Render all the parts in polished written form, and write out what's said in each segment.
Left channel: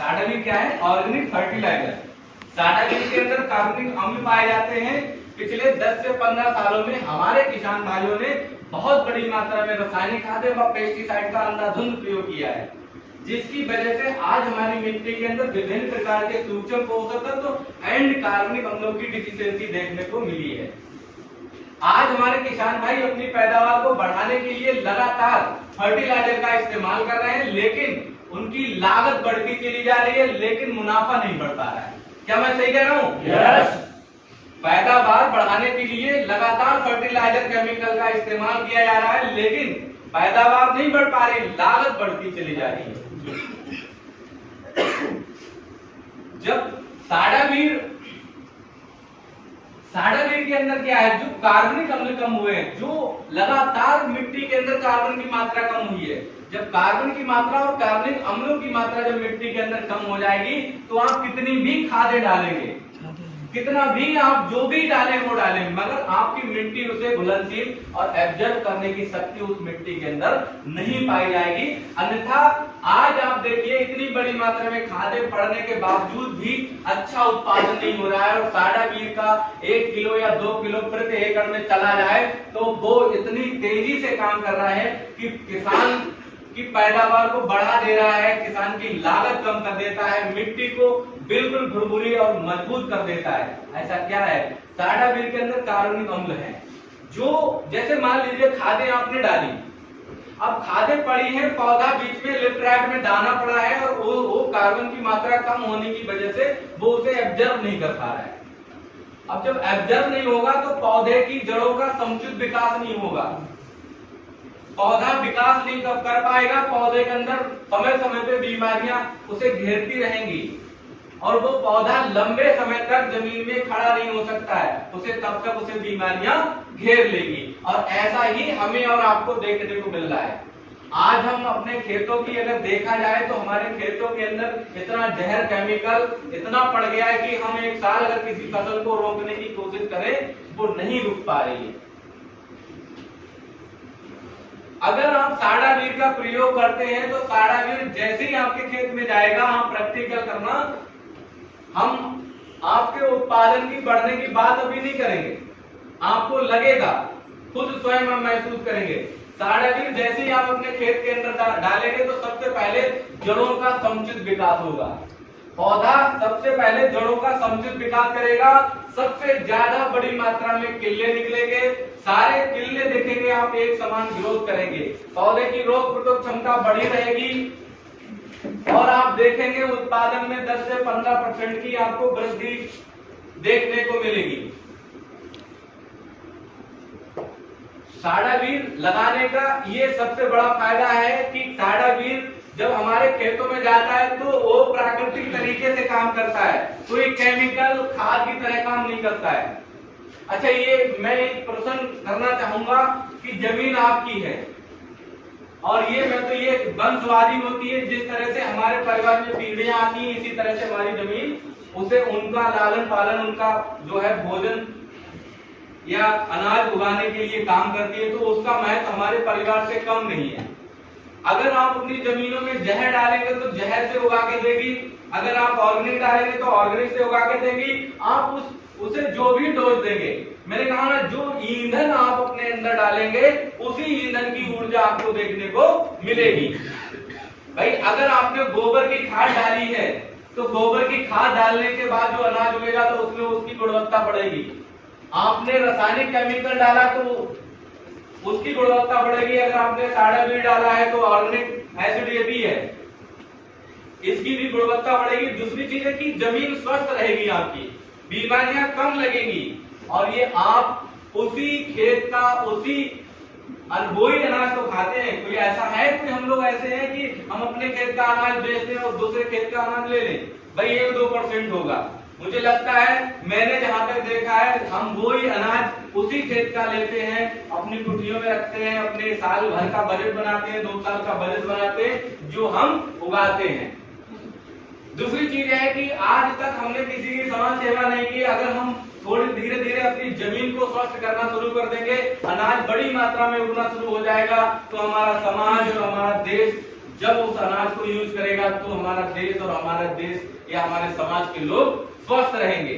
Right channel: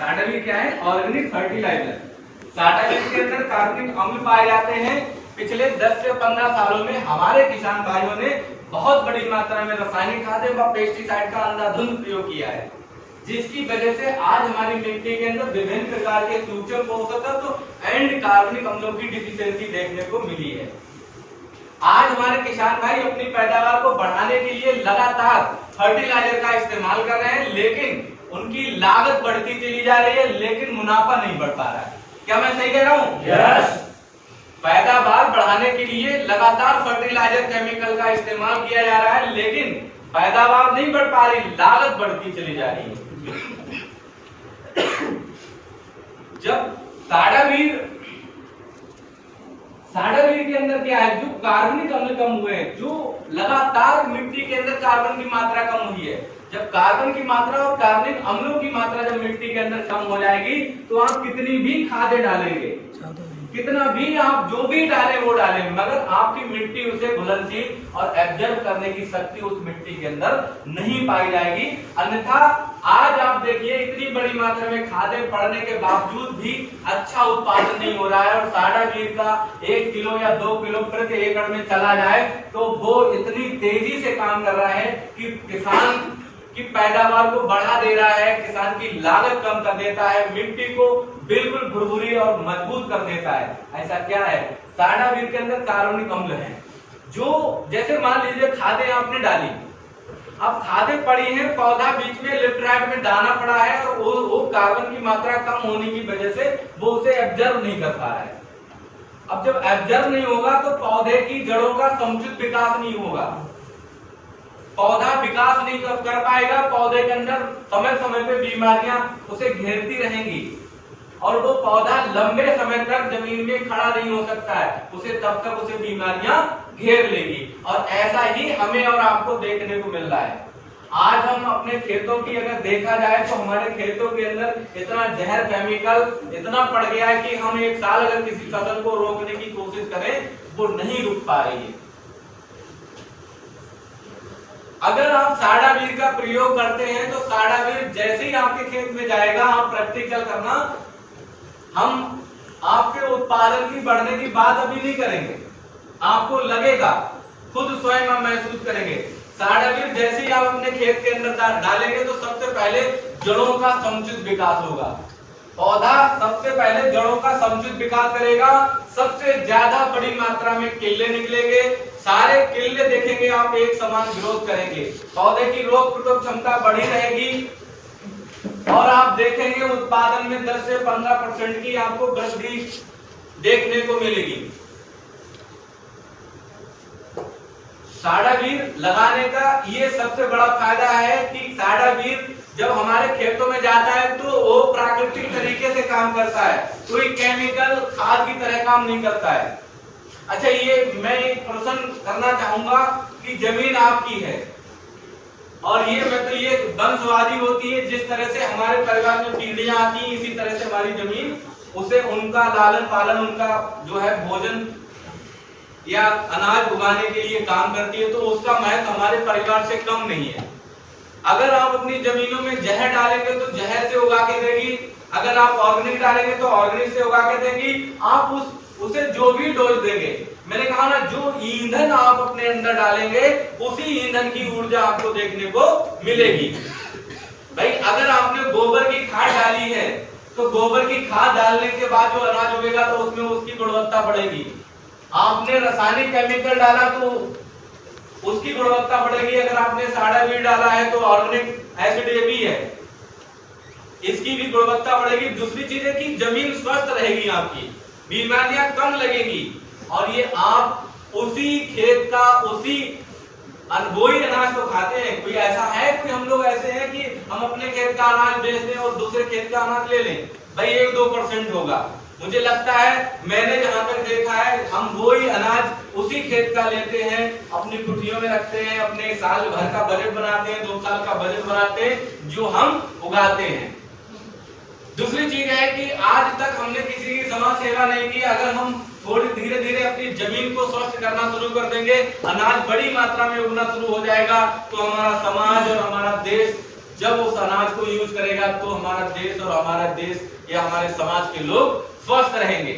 साडावीर क्या है? Organic fertiliser. साडावीर के अंदर कार्बनिक अम्ल पाए जाते हैं। पिछले 10 से 15 सालों में हमारे किसान भाइयों ने बहुत बड़ी मात्रा में रासायनिक खाद व पेस्टिसाइड का अंधाधुंध प्रयोग किया है, जिसकी वजह से आज हमारी मिट्टी के अंदर विभिन्न प्रकार के सूक्ष्म पोषक तत्व एंड कार्बनिक अम्लों की डिफिशियंसी देखने को मिली है। आज हमारे किसान भाई अपनी पैदावार को बढ़ाने के लिए लगातार फर्टिलाइजर का इस्तेमाल कर रहे हैं, लेकिन उनकी लागत बढ़ती चली जा रही है, लेकिन मुनाफा नहीं बढ़ पा रहा है। क्या मैं सही कह रहा हूँ? यस। पैदावार बढ़ाने के लिए लगातार फर्टिलाइजर केमिकल का इस्तेमाल किया जा रहा है, लेकिन पैदावार नहीं बढ़ पा रही, लागत बढ़ती चली जा रही है। जब साडावीर के अंदर क्या है, जो कार्बनिक अम्ल कम हुए हैं, जो लगातार मिट्टी के अंदर कार्बन की मात्रा कम हुई है, जब कार्बन की मात्रा और कार्बनिक अम्लों की मात्रा जब मिट्टी के अंदर कम हो जाएगी, तो आप कितनी भी खादें डालेंगे, कितना भी आप जो भी डालें वो डालें, मगर आपकी मिट्टी उसे घुलनशील और एब्जॉर्ब करने की शक्ति उस मिट्टी के अंदर नहीं पाई जाएगी। अन्यथा आज आप देखिए इतनी बड़ी मात्रा में खादें पड़ने के बावजूद भी अच्छा उत्पादन नहीं हो रहा है, और साडावीर का 1 किलो या 2 किलो प्रति एकड़ में चला जाए तो वो इतनी तेजी से काम कर रहा है कि किसान की पैदावार को बढ़ा दे रहा है, किसान की लागत कम कर देता है, मिट्टी को बिल्कुल भुरभुरी और मजबूत कर देता है। ऐसा क्या है? साडावीर के अंदर कार्बनिक अम्ल है, जो जैसे मान लीजिए खादें आपने डाली, अब खादें पड़ी हैं, पौधा बीच में लेफ्ट में दाना पड़ा है, और वो कार्बन की मात्रा कम होने की वजह से वो उसे एब्जॉर्ब नहीं कर पा रहा है। अब जब एब्जॉर्ब नहीं होगा तो पौधे की जड़ों का समुचित विकास नहीं होगा, पौधा विकास नहीं कर पाएगा, पौधे के अंदर समय समय पे बीमारियां उसे घेरती रहेंगी, और वो पौधा लंबे समय तक जमीन में खड़ा नहीं हो सकता है, उसे तब तक उसे बीमारियां घेर लेगी। और ऐसा ही हमें और आपको देखने को मिल रहा है। आज हम अपने खेतों की अगर देखा जाए तो हमारे खेतों के अंदर इतना जहर केमिकल इतना पड़ गया है कि हम एक साल अगर किसी फसल को रोकने की कोशिश करें वो नहीं रुक पा रही है। अगर आप साडावीर का प्रयोग करते हैं तो साडावीर जैसे ही आपके खेत में जाएगा, आप प्रैक्टिकल करना, हम आपके उत्पादन की बढ़ने की बात अभी नहीं करेंगे, आपको लगेगा, खुद स्वयं हम महसूस करेंगे। साडावीर जैसे ही आप अपने खेत के अंदर डालेंगे तो सबसे पहले जड़ों का समुचित विकास होगा, पौधा सबसे पहले जड़ों का समुचित विकास करेगा, सबसे ज्यादा बड़ी मात्रा में किल्ले निकलेंगे, सारे किल्ले देखेंगे आप एक समान ग्रोथ करेंगे, पौधे की रोग प्रतिरोधक क्षमता बढ़ी रहेगी, और आप देखेंगे उत्पादन में 10 से 15% की आपको वृद्धि देखने को मिलेगी। साडावीर लगाने का ये सबसे बड़ा फायदा है कि साडावीर जब हमारे खेतों में जाता है तो वो प्राकृतिक तरीके से काम करता है, कोई केमिकल खाद की तरह काम नहीं करता है। अच्छा, ये मैं एक प्रश्न करना चाहूंगा कि जमीन आपकी है, और ये मतलब ये वंशवादी होती है, जिस तरह से हमारे परिवार में पीढ़ियां आती हैं, इसी तरह से हमारी जमीन उसे उनका लालन पालन, उनका जो है भोजन या अनाज उगाने के लिए काम करती है, तो उसका महत्व हमारे परिवार से कम नहीं है। अगर आप अपनी जमीनों में जहर डालेंगे तो जहर से उगा के देगी, अगर आप ऑर्गेनिक डालेंगे तो ऑर्गेनिक से उगा के देंगी। आप उसे जो भी डोज देंगे, मैंने कहा ना, जो ईंधन आप अपने अंदर डालेंगे उसी ईंधन की ऊर्जा आपको देखने को मिलेगी। भाई अगर आपने गोबर की खाद डाली है तो गोबर की खाद डालने के बाद जो अनाज उगेगा तो उसमें उसकी गुणवत्ता बढ़ेगी। आपने रासायनिक केमिकल डाला तो उसकी गुणवत्ता बढ़ेगी। अगर आपने साडावीर डाला है तो ऑर्गेनिक एसिड है, इसकी भी गुणवत्ता बढ़ेगी। दूसरी चीज है कि जमीन स्वस्थ रहेगी, आपकी बीमारियां कम लगेगी, और ये आप उसी खेत का उसी वही अनाज तो खाते हैं। कोई ऐसा है, कोई हम लोग ऐसे हैं कि हम अपने खेत का अनाज बेच दें और दूसरे खेत का अनाज ले लें? भाई 1-2% होगा। मुझे लगता है, मैंने जहां तक देखा है, हम वही अनाज उसी खेत का लेते हैं, अपनी कुटियों में रखते हैं, अपने साल भर का बजट बनाते हैं, 2 साल का बजट बनाते हैं, जो हम उगाते हैं। दूसरी चीज है कि आज तक हमने किसी की समाज सेवा नहीं की। अगर हम थोड़ी धीरे धीरे अपनी जमीन को स्वस्थ करना शुरू कर देंगे, अनाज बड़ी मात्रा में उगना शुरू हो जाएगा, तो हमारा समाज और हमारा देश जब उस अनाज को यूज करेगा तो हमारा देश और हमारा देश या हमारे समाज के लोग स्वस्थ रहेंगे।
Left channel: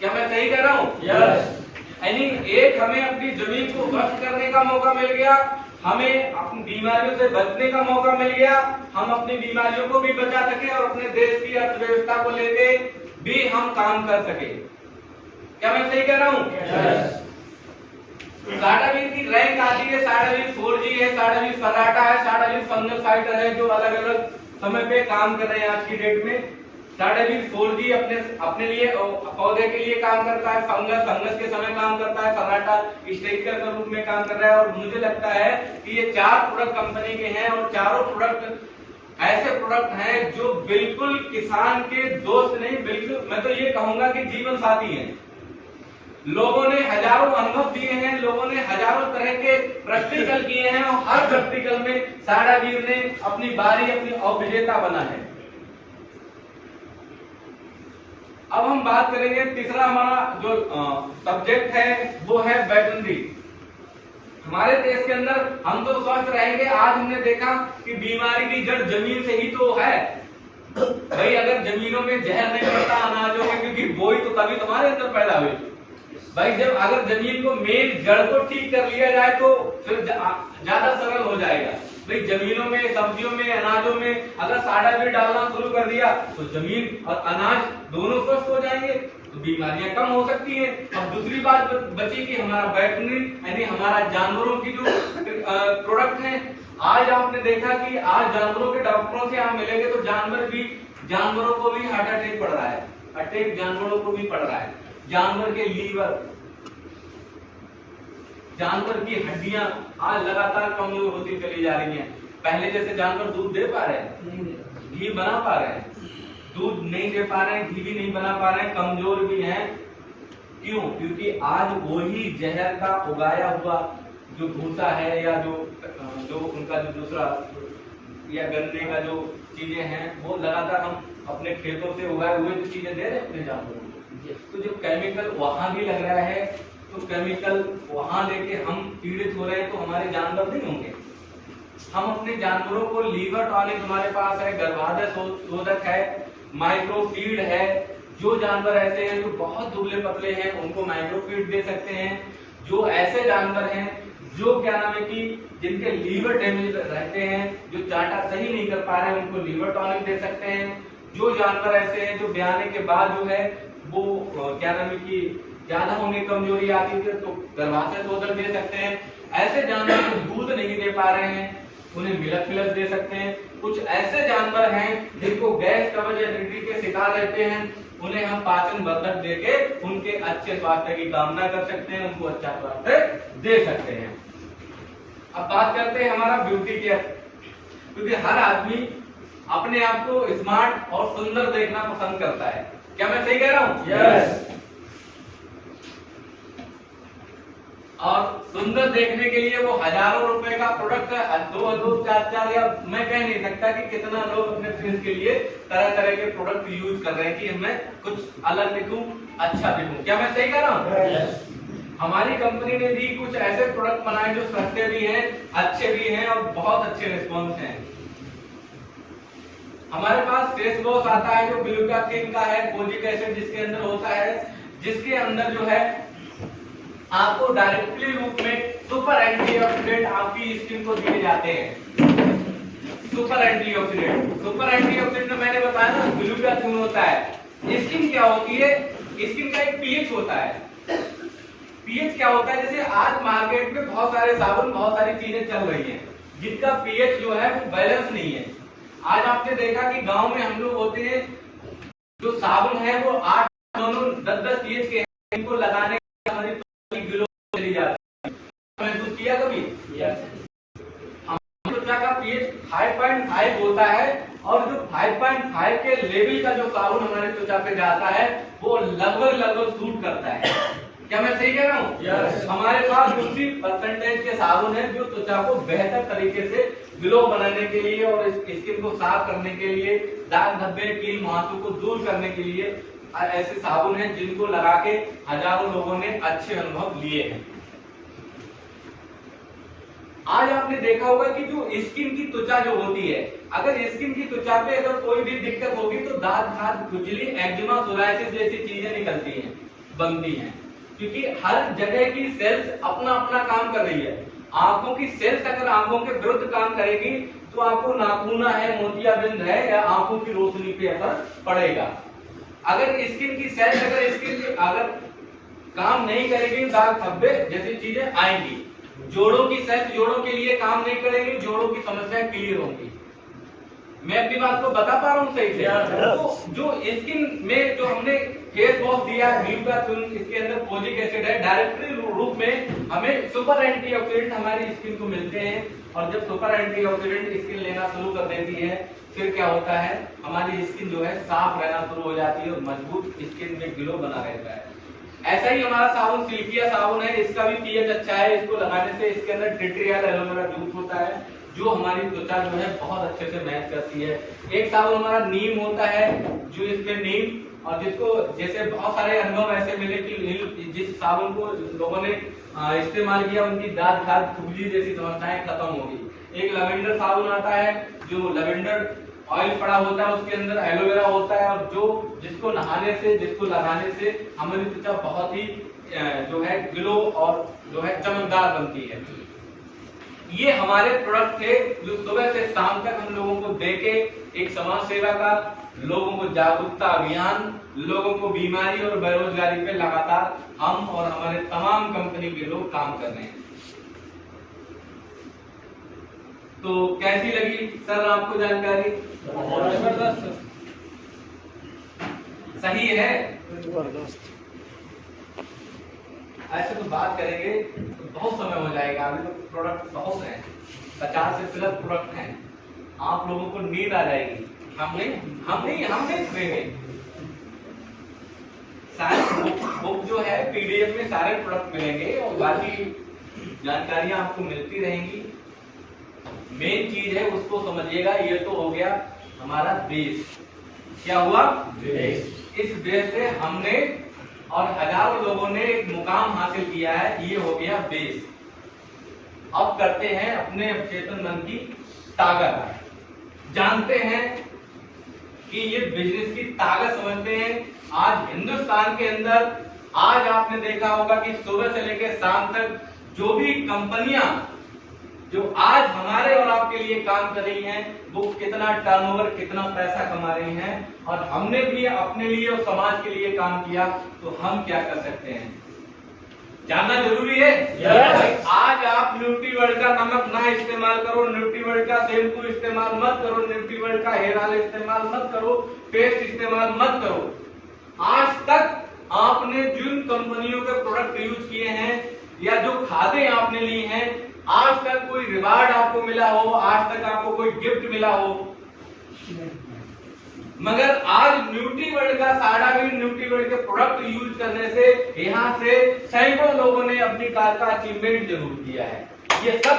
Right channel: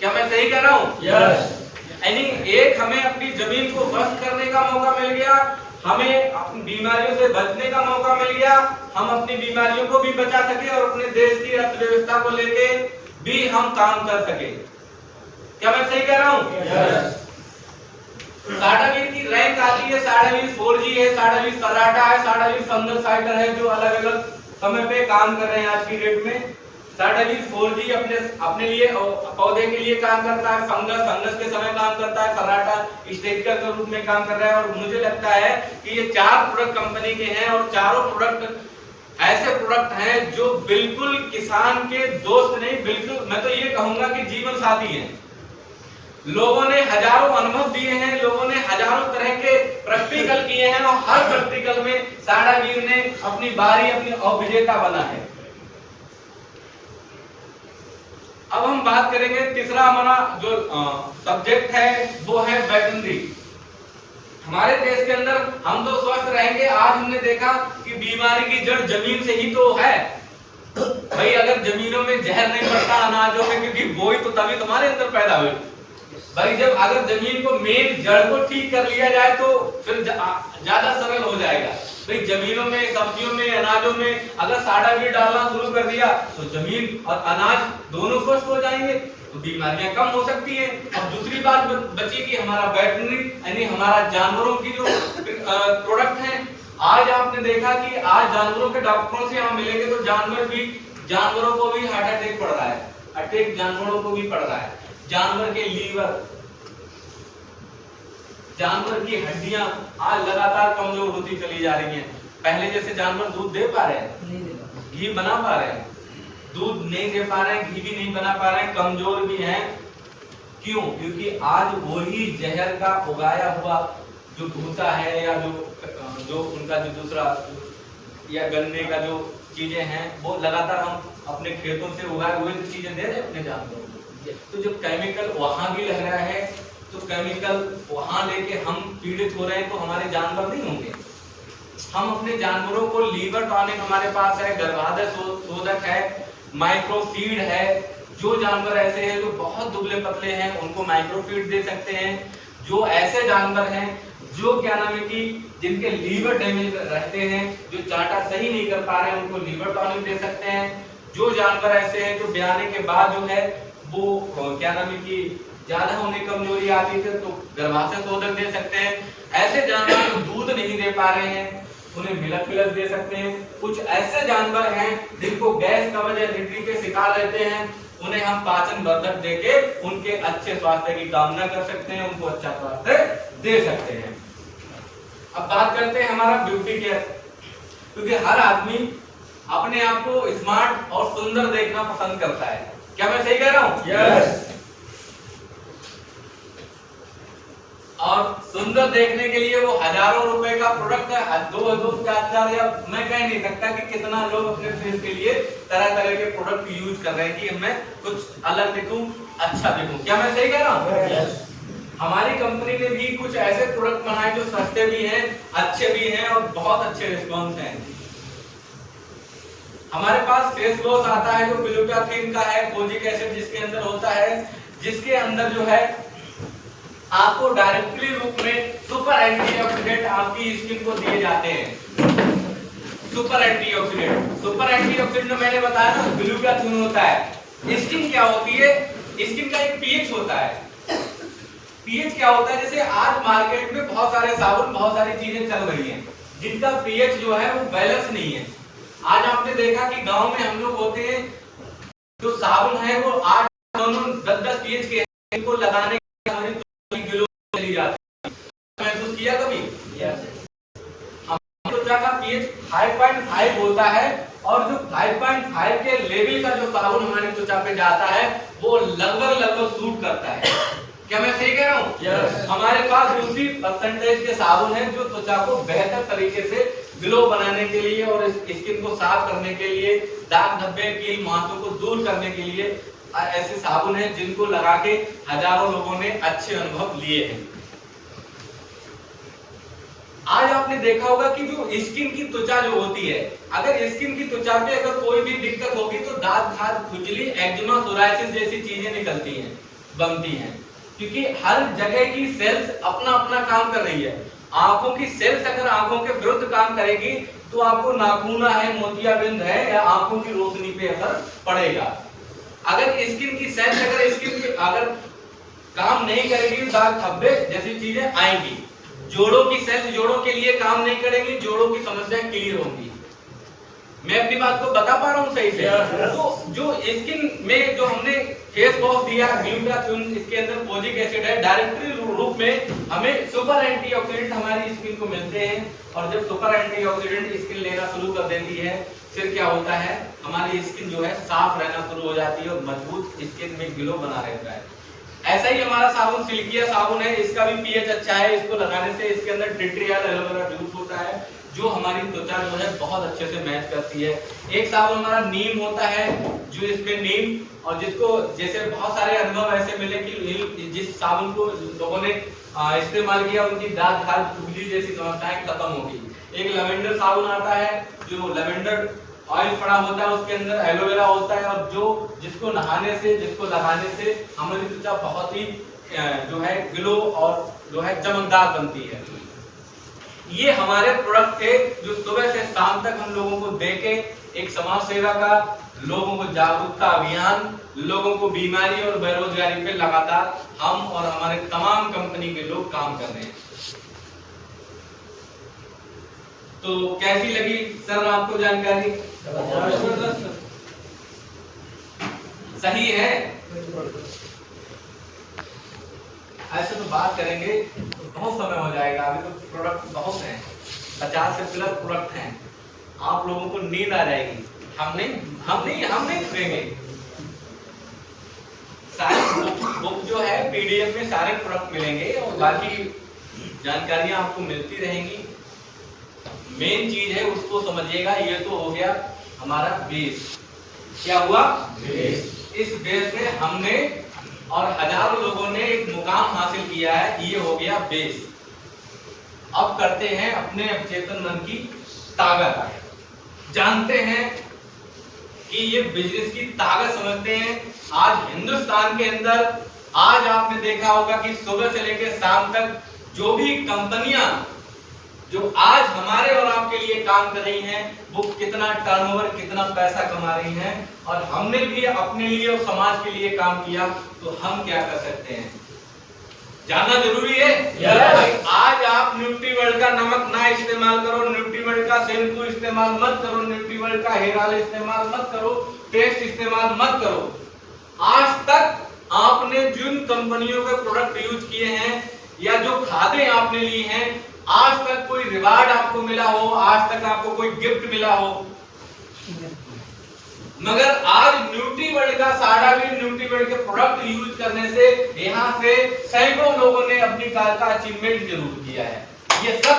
क्या मैं सही कह रहा हूँ? यानी एक हमें अपनी जमीन को स्वस्थ करने का मौका मिल गया, हमें अपनी बीमारियों से बचने का मौका मिल गया, हम अपनी बीमारियों को भी बचा सके और अपने देश की अर्थव्यवस्था को लेके भी हम काम कर सके। क्या मैं सही कह रहा हूँ? साडा वीर की रैंक आती है, साडा वीर 4G है, साडा वीर सराटा है, साडा वीर फंगसाइडर है, जो अलग अलग समय पे काम कर रहे हैं आज की डेट में। साडा वीर 4G अपने लिए पौधे के लिए काम करता है, फंगस के समय काम करता है, सराटा स्टेरिका के रूप में काम कर रहा है। और मुझे लगता है कि ये 4 प्रोडक्ट कंपनी के हैं और चारों प्रोडक्ट ऐसे प्रोडक्ट हैं जो बिल्कुल किसान के दोस्त नहीं, बिल्कुल मैं तो ये कहूंगा कि जीवन साथी हैं। लोगों ने हजारों अनुभव दिए हैं, लोगों ने हजारों तरह के प्रैक्टिकल किए हैं और हर प्रैक्टिकल में साडा वीर ने अपनी बारी अपनी अविजेता बना है। अब हम बात करेंगे, तीसरा हमारा जो सब्जेक्ट है वो है वेटरनरी। हमारे देश के अंदर हम तो स्वस्थ रहेंगे। आज हमने देखा कि बीमारी की जड़ जमीन से ही तो है भाई। अगर जमीनों में जहर नहीं पड़ता अनाजों में, क्योंकि बोई तो तभी तुम्हारे अंदर पैदा हुई भाई। जब अगर जमीन को मेन जड़ को ठीक कर लिया जाए तो फिर ज्यादा सरल हो जाएगा भाई। जमीनों में, सब्जियों में, अनाजों में अगर साडा वीर डालना शुरू कर दिया तो जमीन और अनाज दोनों स्वस्थ हो जाएंगे, तो बीमारियां कम हो सकती है। अब दूसरी बात बची कि हमारा वेटरनरी यानी हमारा जानवरों की जो प्रोडक्ट है। आज आपने देखा कि आज जानवरों के डॉक्टरों से आप मिलेंगे तो जानवरों को भी हार्ट अटैक पड़ रहा है, अटैक जानवरों को भी पड़ रहा है। जानवर के लीवर, जानवर की हड्डियां आज लगातार कमजोर होती चली जा रही हैं। पहले जैसे जानवर दूध दे पा रहे हैं, घी बना पा रहे हैं, दूध नहीं दे पा रहे हैं, घी भी नहीं बना पा रहे हैं, कमजोर भी हैं। क्यों? क्योंकि आज वही जहर का उगाया हुआ जो भूसा है या जो उनका जो दूसरा या गन्ने का जो चीजें हैं वो लगातार हम अपने खेतों से उगाए हुए चीजें दे रहे हैं अपने जानवरों को। तो जब केमिकल वहां भी लग रहा है तो केमिकल वहां लेके हम पीड़ित हो रहे हैं, तो हमारे जानवर नहीं होंगे। हम अपने जानवरों को लीवर टॉनिक हमारे पास है, गर्भाशय शोधक है, माइक्रोफीड है। जो जानवर ऐसे हैं जो बहुत दुबले पतले हैं उनको माइक्रोफीड दे सकते हैं। जो ऐसे जानवर हैं जो क्या नाम है कि जिनके लीवर डैमेज रहते हैं, जो चाटा सही नहीं कर पा रहे हैं, उनको लीवर टॉनिक दे सकते हैं। जो जानवर ऐसे हैं जो ब्याने के बाद जो है वो क्या नाम है कि ज्यादा होने कमजोरी आती है तो गर्भाशय शोधक दे सकते हैं। ऐसे जानवर जो दूध नहीं दे पा रहे हैं उन्हें मिल्क प्लस दे सकते हैं। कुछ ऐसे जानवर हैं जिनको गैस, कब्ज, एसिडिटी के शिकार रहते हैं, उन्हें हम पाचन वर्धक देके उनके अच्छे स्वास्थ्य की कामना कर सकते हैं, उनको अच्छा स्वास्थ्य दे सकते हैं। अब बात करते हैं हमारा ब्यूटी केयर, क्योंकि हर आदमी अपने आप को स्मार्ट और सुंदर देखना पसंद करता है। क्या मैं सही कह रहा हूँ? यस। और सुंदर देखने के लिए वो हजारों रुपए का प्रोडक्ट है, 2 4 या मैं कह नहीं सकता कि कितना लोग अपने फेस के लिए तरह तरह के प्रोडक्ट यूज कर रहे हैं कि मैं कुछ अलग दिखूं, अच्छा दिखूं। क्या मैं सही कह रहा हूँ? यस। हमारी कंपनी ने भी कुछ ऐसे प्रोडक्ट बनाए जो सस्ते भी हैं, अच्छे भी हैं और बहुत अच्छे रिस्पॉन्स हैं। हमारे पास फेस वॉश आता है जो ग्लूटाथिन का है, कोजिक एसिड जिसके अंदर होता है, जिसके अंदर जो है आपको डायरेक्टली रूप में सुपर एंटीऑक्सीडेंट आपकी स्किन को दिए जाते हैं। सुपर एंटीऑक्सीडेंट मैंने बताया ना ग्लूटाथिन होता है। स्किन क्या होती है? स्किन का एक पीएच होता है। पीएच क्या होता है? जैसे आज मार्केट में बहुत सारे साबुन, बहुत सारी चीजें चल रही हैं जिनका पीएच जो है वो बैलेंस नहीं है। आज आपने देखा कि गांव में हम लोग होते हैं, जो साबुन है वो 8, 10 पीएच के, इनको लगाने के हमारी ग्लो चली जाती है। महसूस किया कभी? त्वचा का पीएच 5.5 होता है और जो 5.5 के लेवल का जो साबुन हमारी त्वचा पे जाता है वो लगभग सूट करता है। क्या मैं सही कह रहा हूँ? yes. हमारे पास उसी परसेंटेज के साबुन है जो त्वचा को बेहतर तरीके से ग्लो बनाने के लिए और स्किन को साफ करने के लिए, दाग धब्बे, कील मुहासों को दूर करने के लिए ऐसे साबुन हैं जिनको लगा के हजारों लोगों ने अच्छे अनुभव लिए हैं। आज आपने देखा होगा कि जो स्किन की त्वचा जो होती है, अगर स्किन की त्वचा पे अगर कोई भी दिक्कत होगी तो दाद खाज खुजली एक्जिमा सोराइसिस जैसी चीजें निकलती हैं, बनती हैं, क्योंकि हर जगह की सेल्स अपना अपना काम कर रही है। आंखों की सेल्स अगर आंखों के विरुद्ध काम करेगी तो आपको नाखूना है, मोतियाबिंद है या आंखों की रोशनी पे असर पड़ेगा। अगर स्किन की सेल्स अगर काम नहीं करेगी, दाग धब्बे जैसी चीजें आएंगी। जोड़ों की सेल्स जोड़ों के लिए काम नहीं करेंगी, जोड़ों की समस्याएं क्लियर होंगी। मैं अपनी बात को बता पा रहा हूँ सही से? तो जो स्किन में जो हमने फेस वॉश दिया ग्लूटाथियोन, इसके अंदर फोलिक एसिड है, डायरेक्टरी रूप में हमें सुपर एंटीऑक्सीडेंट हमारी स्किन को मिलते हैं। और जब सुपर एंटीऑक्सीडेंट स्किन लेना शुरू कर देती है, फिर क्या होता है, हमारी स्किन जो है साफ रहना शुरू हो जाती है और मजबूत स्किन में ग्लो बना रहता है। ऐसा ही हमारा साबुन सिल्किया साबुन है, इसका भी पीएच अच्छा है। इसको लगाने से इसके अंदर टिट्रियल एलोवेरा जूस होता है जो हमारी त्वचा जो है बहुत अच्छे से मैच करती है। एक साबुन हमारा नीम होता है, जो इसमें नीम, और जिसको जैसे बहुत सारे अनुभव ऐसे मिले कि जिस साबुन को लोगों ने इस्तेमाल किया उनकी दाद खाज खुजली जैसी समस्याएं खत्म हो गई। एक लवेंडर साबुन आता है, जो लवेंडर ऑयल पड़ा होता है, उसके अंदर एलोवेरा होता है, और जिसको लगाने से हमारी त्वचा बहुत ही जो है ग्लो और जो है चमकदार बनती है। ये हमारे प्रोडक्ट थे जो सुबह से शाम तक हम लोगों को देके एक समाज सेवा का, लोगों को जागरूकता अभियान, लोगों को बीमारी और बेरोजगारी पे लगातार हम और हमारे तमाम कंपनी के लोग काम कर रहे हैं। तो कैसी लगी सर आपको जानकारी? सही है? ऐसे तो बात करेंगे तो बहुत समय हो जाएगा। अभी तो प्रोडक्ट बहुत हैं, 50 से प्लस प्रोडक्ट हैं। आप लोगों को नींद आ जाएगी। हम नहीं सुनेंगे। सारे बुक जो है पीडीएफ में सारे प्रोडक्ट मिलेंगे और बाकी जानकारियां आपको मिलती रहेंगी। मेन चीज है उसको समझिएगा। ये तो हो गया हमारा बेस। क्या हुआ? बेस। इस बेस से हमने और हजारों लोगों ने एक मुकाम हासिल किया है, ये हो गया बेस। अब करते हैं अपने अवचेतन मन की ताकत। जानते हैं कि ये बिजनेस की ताकत समझते हैं। आज हिंदुस्तान के अंदर आज आपने देखा होगा कि सुबह से लेकर शाम तक जो भी कंपनियां जो आज हमारे और आपके लिए काम कर रही हैं, वो कितना टर्नओवर, कितना पैसा कमा रही हैं, और हमने भी अपने लिए और समाज के लिए काम किया, तो हम क्या कर सकते हैं जानना जरूरी है। yes. आज आप न्यूट्रीवर्ल्ड का नमक ना इस्तेमाल करो, न्यूट्रीवर्ल्ड का शैम्पू इस्तेमाल मत करो, न्यूट्रीवर्ल्ड का हेयर ऑयल इस्तेमाल मत करो, पेस्ट इस्तेमाल मत करो। आज तक आपने जिन कंपनियों के प्रोडक्ट यूज किए हैं या जो खादे आपने ली हैं, आज तक कोई रिवार्ड आपको मिला हो, आज तक आपको कोई गिफ्ट मिला हो? मगर आज न्यूट्रीवर्ल्ड का साडावीर न्यूट्रीवर्ल्ड के प्रोडक्ट यूज करने से यहां से सैकड़ों लोगों ने अपनी कार का अचीवमेंट जरूर किया है। ये सब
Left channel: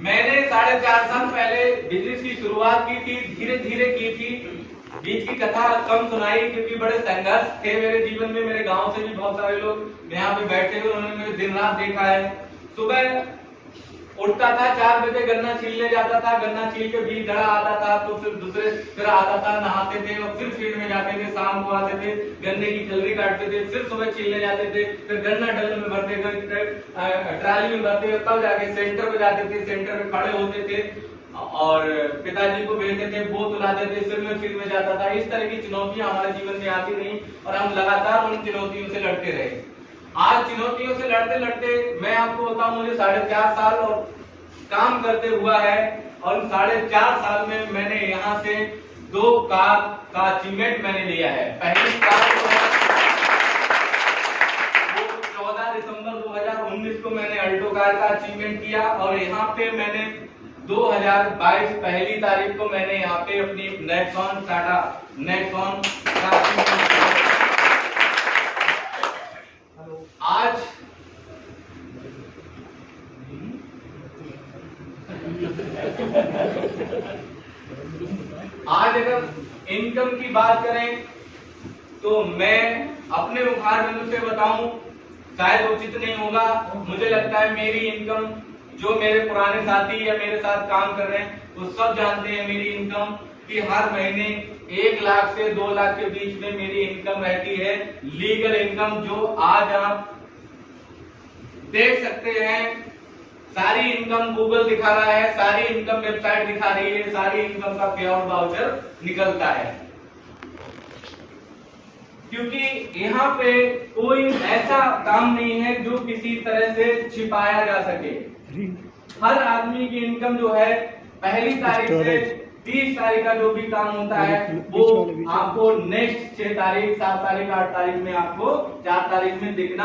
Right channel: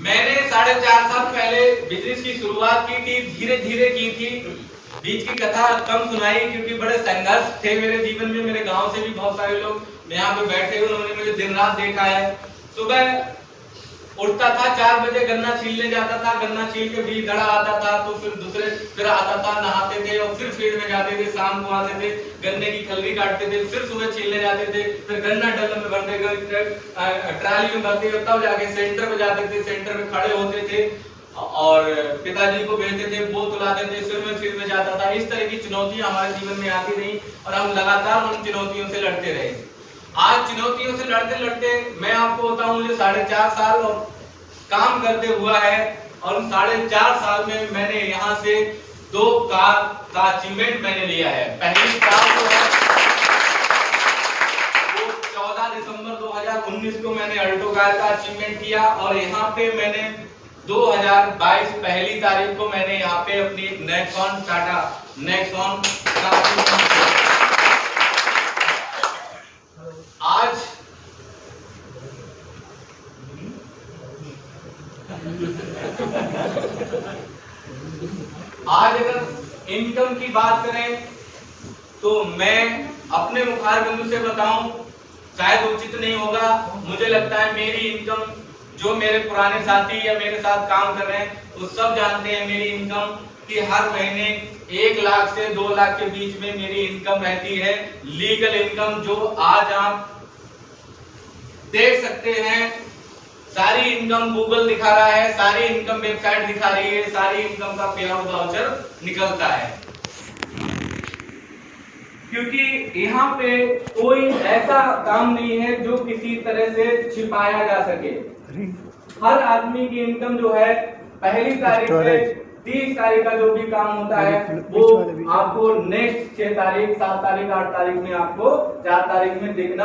मैंने 4.5 साल पहले बिजनेस की शुरुआत की थी, धीरे धीरे की थी। बीच की कथा कम सुनाई क्योंकि बड़े संघर्ष थे मेरे जीवन में। मेरे गांव से भी बहुत सारे लोग यहाँ पे बैठे हुए, उन्होंने मुझे दिन रात देखा है। सुबह उठता था 4 बजे, गन्ना छीलने जाता था, गन्ना छील के बीज धड़ा आता था, तो फिर आता था, नहाते थे और फिर फील्ड में जाते थे, शाम को आते थे, गन्ने की खलरी काटते थे, फिर सुबह छीलने जाते थे, फिर गन्ना डल्लम में भरते थे, ट्राली में भरते, तब जाके सेंटर पे जाते थे, सेंटर में खड़े होते थे और पिताजी को भेजते थे, वो तुलाते थे, फिर मैं फील्ड में जाता था। इस तरह की चुनौतियां हमारे जीवन में आती रही और हम लगातार उन चुनौतियों से लड़ते रहे। आज चुनौतियों से लड़ते लड़ते मैं आपको बताऊं, मुझे 4.5 साल और काम करते हुआ है, और उन 4.5 साल में मैंने यहाँ से 2 कार का अचीवमेंट मैंने लिया है। पहली कार वो 14 दिसंबर 2019 को मैंने अल्टो कार का अचीवमेंट किया, और यहाँ पे मैंने 2022 पहली तारीख को मैंने यहाँ पे अपनी नेक्सॉन, टाटा नेक्सॉन का अचीवमेंट किया। आज अगर इनकम की बात करें तो मैं अपने मुखार बिंदु से बताऊं, शायद उचित नहीं होगा। मुझे लगता है मेरी इनकम, जो मेरे पुराने साथी या मेरे साथ काम कर रहे हैं वो सब जानते हैं मेरी इनकम कि हर महीने 1 लाख से 2 लाख के बीच में मेरी इनकम रहती है, लीगल इनकम, जो आज आप देख सकते हैं। सारी इनकम गूगल दिखा रहा है, सारी इनकम वेबसाइट दिखा रही है, सारी इनकम का पे आउट वाउचर निकलता है। क्योंकि यहाँ पे कोई ऐसा काम नहीं है जो किसी तरह से छिपाया जा सके। हर आदमी की इनकम जो है पहली तारीख से 30 तारीख का जो भी काम होता है वो आपको नेक्स्ट 6 तारीख, 7 तारीख, 8 तारीख में आपको 4 तारीख में दिखना